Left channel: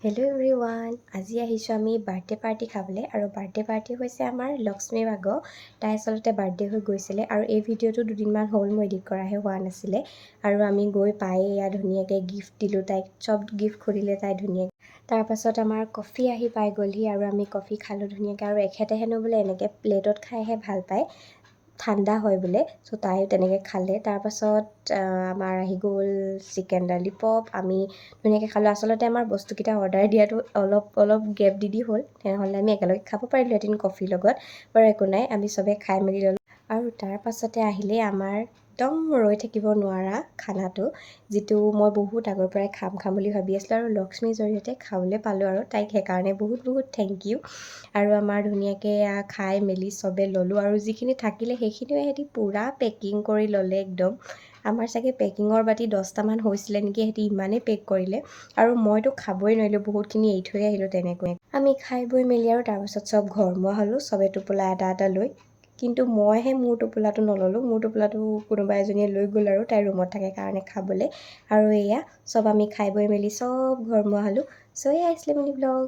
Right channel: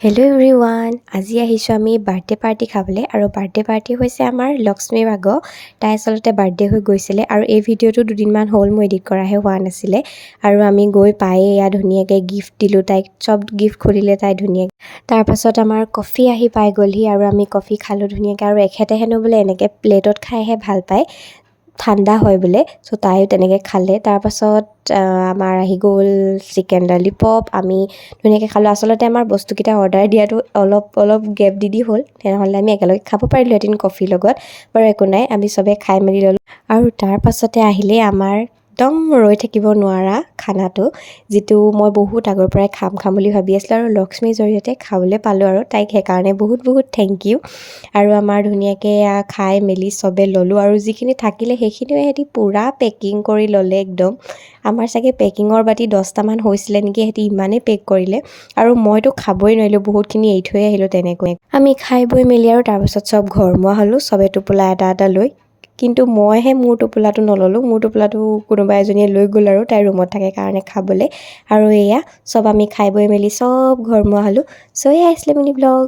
Hello' everyone, আজি আহিছোঁ আমি বাৰ্থডে পাৰ্টি খাবলৈ। আৰু বাৰ্থডে পাৰ্টি হৈছে আমাৰ লক্ষ্মী বাগ। তাই আচলতে বাৰ্থডে হৈ গৈছিলে আৰু এই ভিডিঅ'টো দুদিনমান হ'ল, মোৰ এডিট কৰাহে হোৱা নাছিলে। আৰু আমি গৈ পায়েই এয়া ধুনীয়াকৈ গিফ্ট দিলোঁ তাইক, চব গিফ্ট খুলিলে তাই ধুনীয়াকৈ। তাৰপাছত আমাৰ কফি আহি পাই গ'লহি আৰু আমি কফি খালোঁ ধুনীয়াকৈ। আৰু এখেতে হেনো বোলে এনেকৈ প্লেটত খাইহে ভাল পায়, ঠাণ্ডা হয় বোলে। চ' তাইও তেনেকৈ খালে। তাৰপাছত আমাৰ আহি গ'ল চিকেন ললিপপ। আমি ধুনীয়াকৈ খালোঁ। আচলতে আমাৰ বস্তুকেইটা অৰ্ডাৰ দিয়াটো অলপ গেপ দি হ'ল, তেনেহ'লে আমি একেলগে খাব পাৰিলোঁহেঁতেন কফিৰ লগত। বাৰু একো নাই, আমি চবেই খাই মেলি ল'লোঁ। আৰু তাৰপাছতে আহিলে আমাৰ একদম ৰৈ থাকিব নোৱাৰা খানাটো, যিটো মই বহুত আগৰ পৰাই খাম বুলি ভাবি আছিলোঁ আৰু লক্ষ্মীৰ জৰিয়তে খাবলৈ পালোঁ। আৰু তাইক সেইকাৰণে বহুত থেংক ইউ। আৰু আমাৰ ধুনীয়াকৈ খাই মেলি চবে ল'লোঁ। আৰু যিখিনি থাকিলে সেইখিনিও সিহঁতি পূৰা পেকিং কৰি ল'লে একদম। আমাৰ চাগে পেকিঙৰ বাতি 10টামান হৈছিলে নেকি, সিহঁতি ইমানেই পেক কৰিলে। আৰু মইতো খাবই নোৱাৰিলোঁ, বহুতখিনি এৰি থৈ আহিলোঁ তেনেকৈ। আমি খাই বৈ মেলি আৰু তাৰপাছত চব ঘৰমুৱা হ'লোঁ, চবে টোপোলা এটা লৈ। কিন্তু মইহে মোৰ টোপোলাটো নল'লোঁ, মোৰ টোপোলাটো কোনোবা এজনীয়ে লৈ গ'ল আৰু তাই ৰুমত থাকে কাৰণে খাবলৈ। আৰু এয়া চব আমি খাই বৈ মেলি চব ঘৰমুৱা হ'লোঁ। চ' এয়া আছিলে মিনি ব্লগ।